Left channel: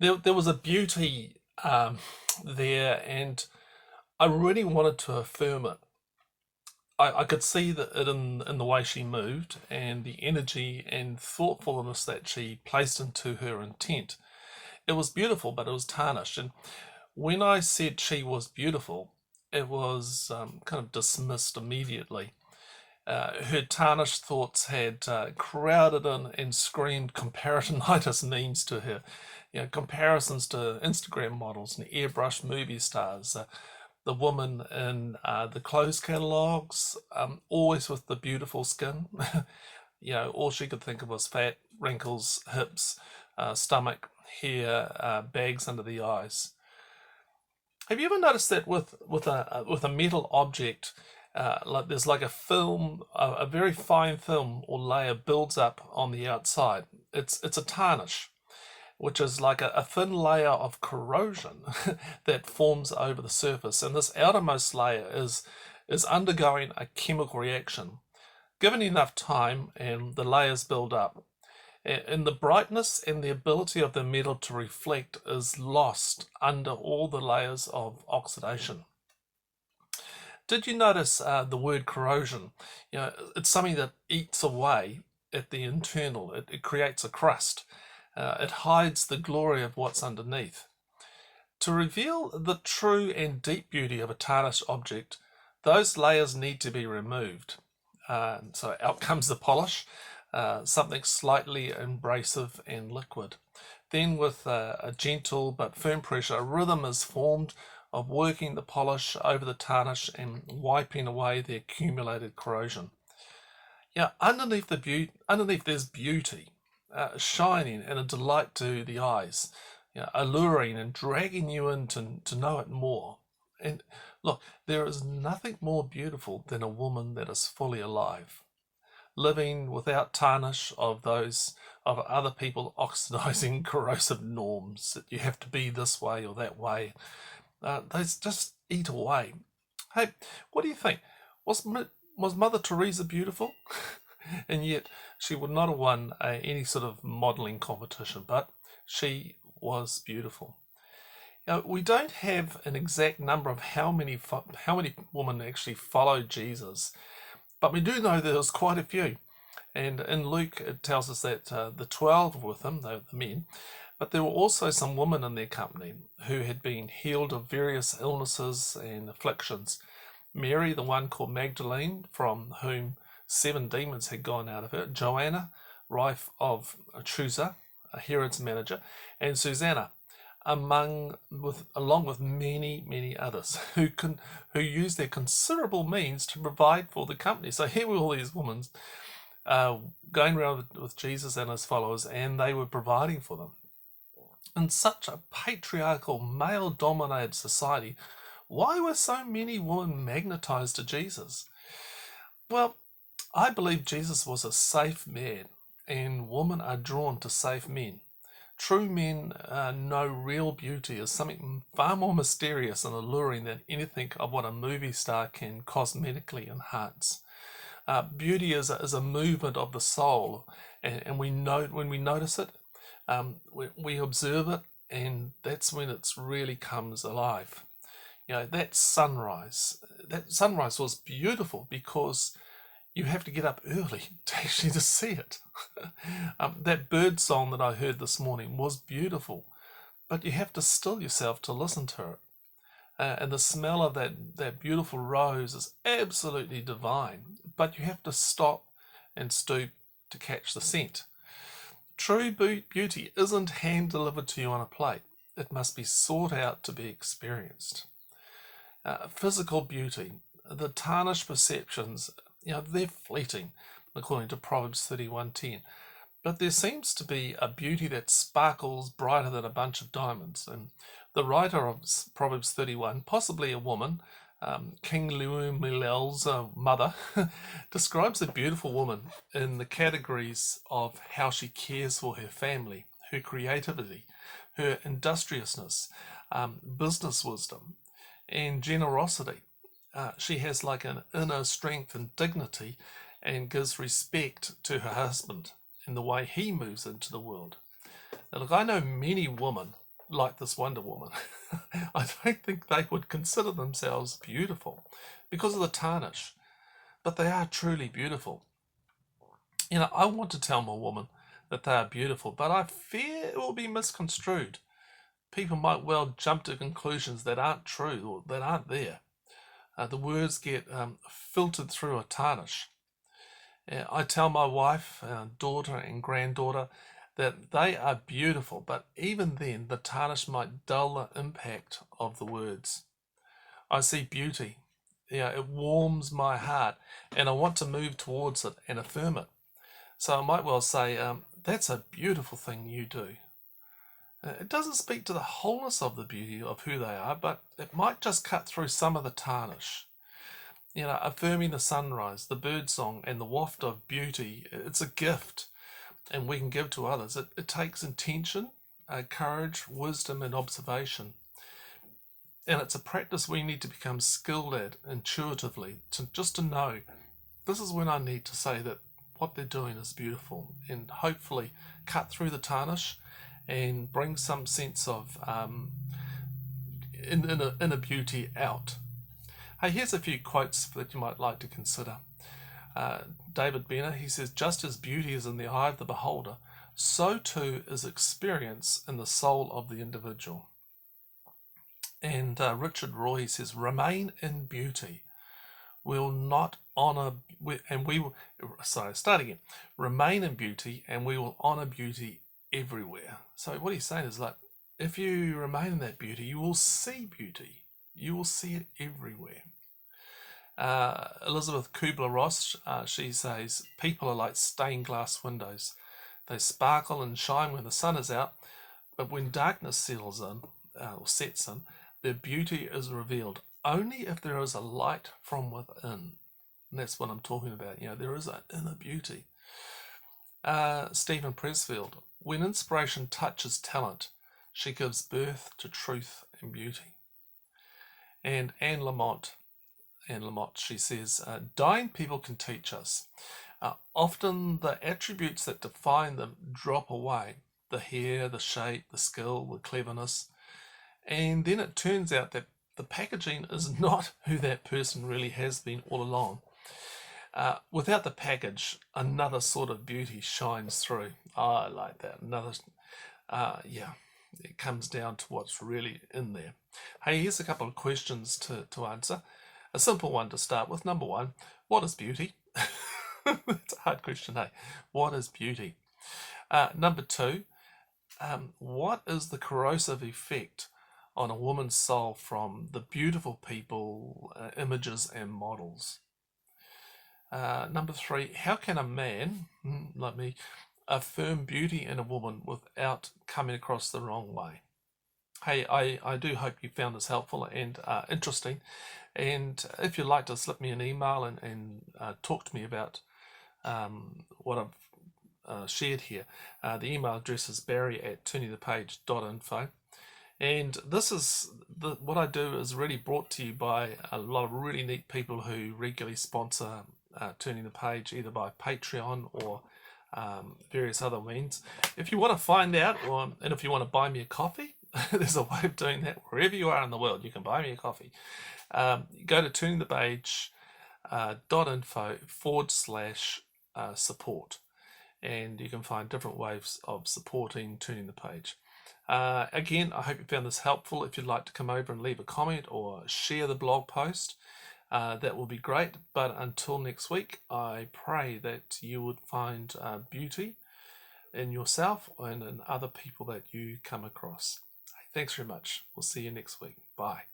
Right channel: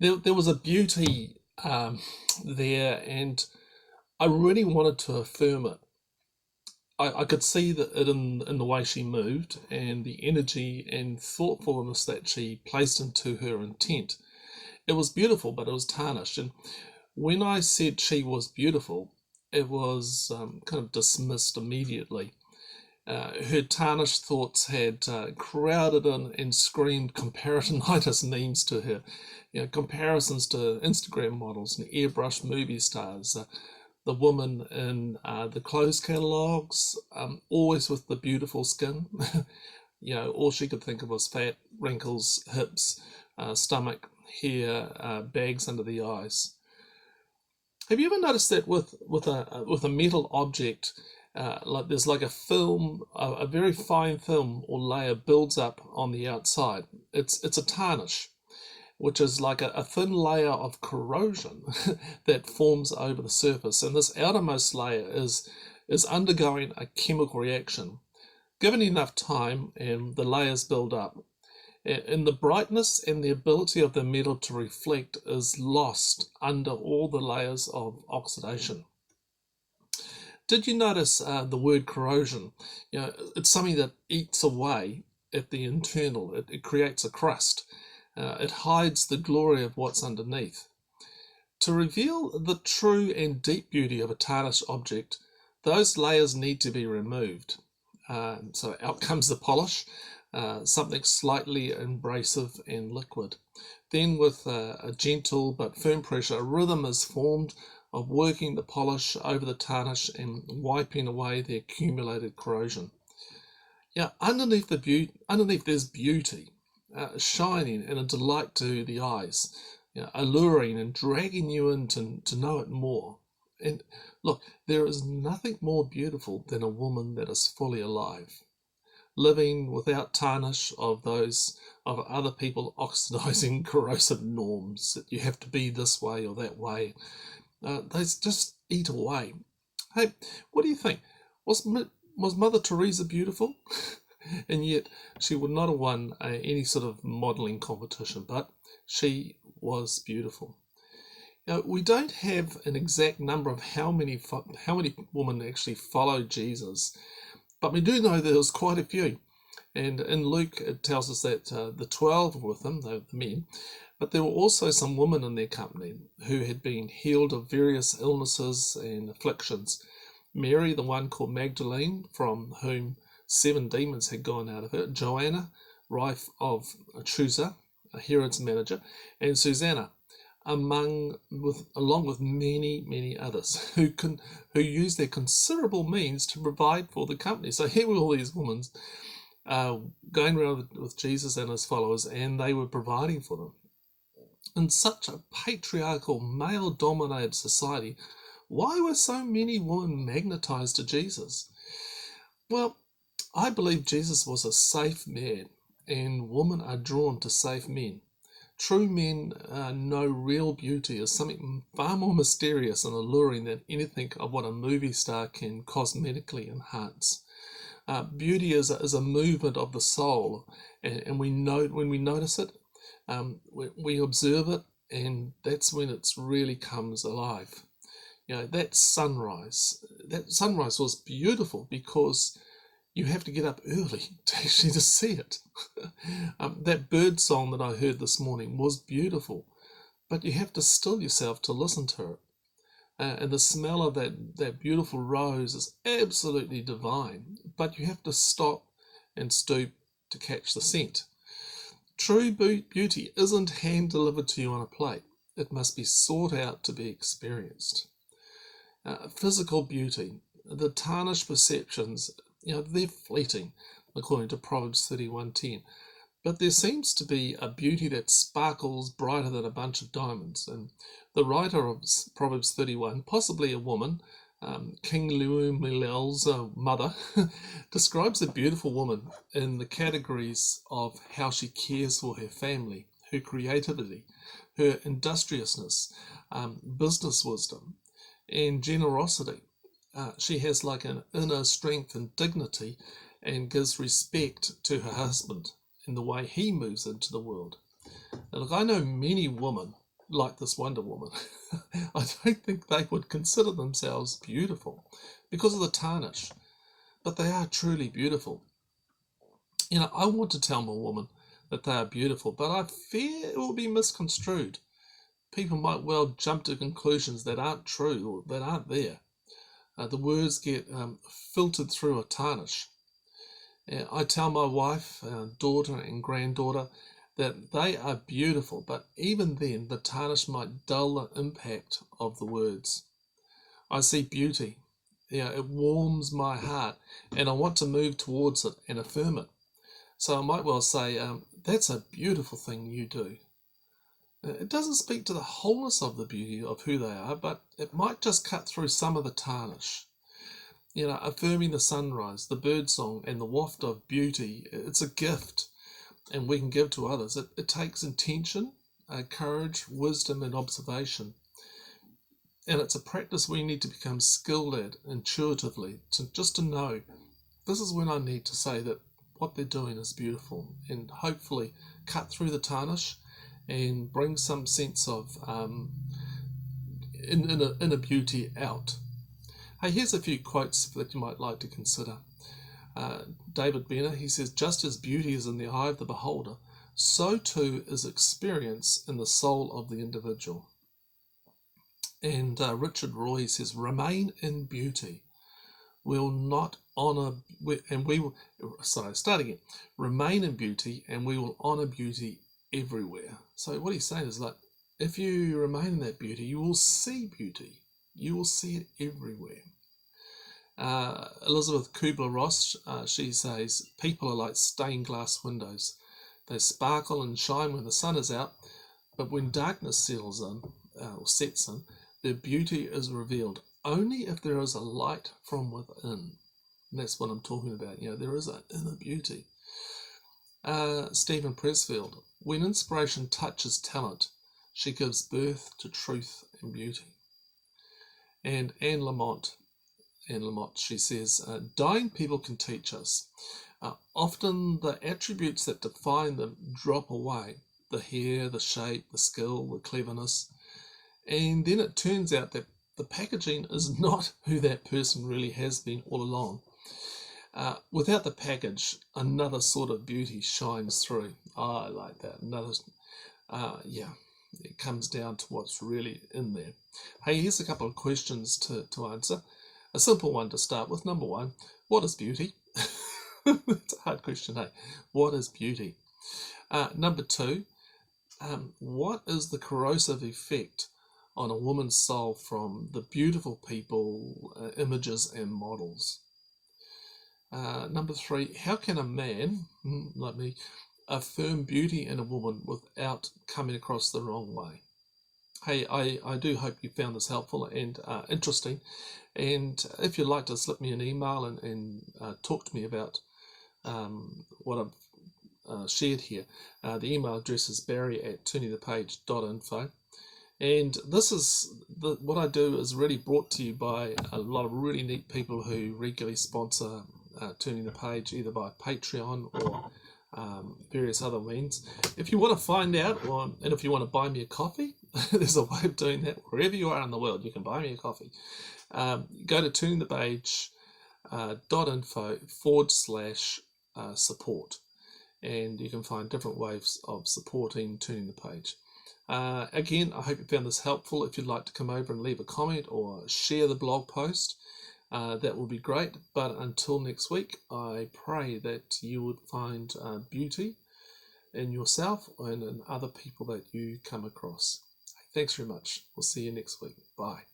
There was a beauty there, and I really wanted to affirm it. I could see that it in the way she moved and the energy and thoughtfulness that she placed into her intent. It was beautiful, but it was tarnished. And when I said she was beautiful, it was kind of dismissed immediately. Her tarnished thoughts had crowded in and screamed comparisonitis memes to her. Comparisons to Instagram models and airbrushed movie stars. The woman in the clothes catalogues, always with the beautiful skin. All she could think of was fat, wrinkles, hips, stomach, hair, bags under the eyes. Have you ever noticed that with a metal object, like there's like a film, a very fine film or layer builds up on the outside. It's a tarnish, which is like a thin layer of corrosion that forms over the surface, and this outermost layer is undergoing a chemical reaction. Given enough time, and the layers build up, and the brightness and the ability of the metal to reflect is lost under all the layers of oxidation. Did you notice the word corrosion? It's something that eats away at the internal. It creates a crust. It hides the glory of what's underneath. To reveal the true and deep beauty of a tarnished object, those layers need to be removed. So out comes the polish, something slightly abrasive and liquid. Then, with a gentle but firm pressure, a rhythm is formed of working the polish over the tarnish and wiping away the accumulated corrosion. Underneath there's beauty, shining and a delight to the eyes, alluring and dragging you in to know it more. And look, there is nothing more beautiful than a woman that is fully alive, living without tarnish of those of other people oxidizing corrosive norms that you have to be this way or that way. They just eat away. Hey, what do you think? Was Mother Teresa beautiful? And yet she would not have won any sort of modelling competition, but she was beautiful. Now, we don't have an exact number of how many women actually followed Jesus, but we do know there was quite a few. And in Luke, it tells us that the 12 were with him, the men, but there were also some women in their company who had been healed of various illnesses and afflictions. Mary, the one called Magdalene, from whom 7 demons had gone out of her, Joanna, wife of Chusa, Herod's manager, and Susanna, along with many others who used their considerable means to provide for the company. So here were all these women going around with Jesus and his followers, and they were providing for them. In such a patriarchal, male-dominated society, why were so many women magnetized to Jesus? Well, I believe Jesus was a safe man, and women are drawn to safe men. True men know real beauty as something far more mysterious and alluring than anything of what a movie star can cosmetically enhance. Beauty is a movement of the soul, and we know when we notice it, we observe it, and that's when it really comes alive. That sunrise was beautiful because you have to get up early to actually to see it. That bird song that I heard this morning was beautiful, but you have to still yourself to listen to it. And the smell of that beautiful rose is absolutely divine, but you have to stop and stoop to catch the scent. True beauty isn't hand delivered to you on a plate. It must be sought out to be experienced. Physical beauty, the tarnished perceptions, they're fleeting, according to Proverbs 31:10. But there seems to be a beauty that sparkles brighter than a bunch of diamonds. And the writer of Proverbs 31, possibly a woman, King Lemuel's mother, describes a beautiful woman in the categories of how she cares for her family, her creativity, her industriousness, business wisdom, and generosity. She has like an inner strength and dignity and gives respect to her husband in the way he moves into the world. Now, look, I know many women like this Wonder Woman, I don't think they would consider themselves beautiful because of the tarnish, but they are truly beautiful. I want to tell my woman that they are beautiful, but I fear it will be misconstrued. People might well jump to conclusions that aren't true or that aren't there. The words get filtered through a tarnish. I tell my wife, daughter, and granddaughter that they are beautiful, but even then, the tarnish might dull the impact of the words. I see beauty. It warms my heart, and I want to move towards it and affirm it. So I might well say, that's a beautiful thing you do. It doesn't speak to the wholeness of the beauty of who they are, but it might just cut through some of the tarnish. Affirming the sunrise, the birdsong, and the waft of beauty, it's a gift, and we can give to others. It takes intention, courage, wisdom, and observation. And it's a practice we need to become skilled at intuitively, just to know this is when I need to say that what they're doing is beautiful, and hopefully cut through the tarnish and bring some sense of inner beauty out. Hey, here's a few quotes that you might like to consider. David Benner, he says, just as beauty is in the eye of the beholder, so too is experience in the soul of the individual. And Richard Roy says, remain in beauty. We'll not honour, and we will, sorry, start again. Remain in beauty and we will honour beauty everywhere. So what he's saying is that if you remain in that beauty, you will see beauty. You will see it everywhere. Elizabeth Kubler-Ross, she says, people are like stained glass windows. They sparkle and shine when the sun is out, but when darkness settles in, or sets in, their beauty is revealed only if there is a light from within. And that's what I'm talking about. There is an inner beauty. Stephen Pressfield, when inspiration touches talent, she gives birth to truth and beauty. And Anne Lamott, she says, dying people can teach us. Often the attributes that define them drop away. The hair, the shape, the skill, the cleverness. And then it turns out that the packaging is not who that person really has been all along. Without the package, another sort of beauty shines through. I like that. It comes down to what's really in there. Hey, here's a couple of questions to answer. A simple one to start with. Number one, what is beauty? It's a hard question, hey? What is beauty? Number two, what is the corrosive effect on a woman's soul from the beautiful people, images, and models? Number three, how can a man, like me, affirm beauty in a woman without coming across the wrong way? Hey, I do hope you found this helpful and interesting. And if you'd like to slip me an email and talk to me about what I've shared here, the email address is barry@turningthepage.info. And this is what I do is really brought to you by a lot of really neat people who regularly sponsor Turning the Page, either by Patreon or various other means. If you want to find out, and if you want to buy me a coffee, there's a way of doing that. Wherever you are in the world, you can buy me a coffee. Go to turningthepage.info/support, and you can find different ways of supporting Turning the Page. Again, I hope you found this helpful. If you'd like to come over and leave a comment or share the blog post, that will be great. But until next week, I pray that you would find beauty in yourself and in other people that you come across. Thanks very much. We'll see you next week. Bye.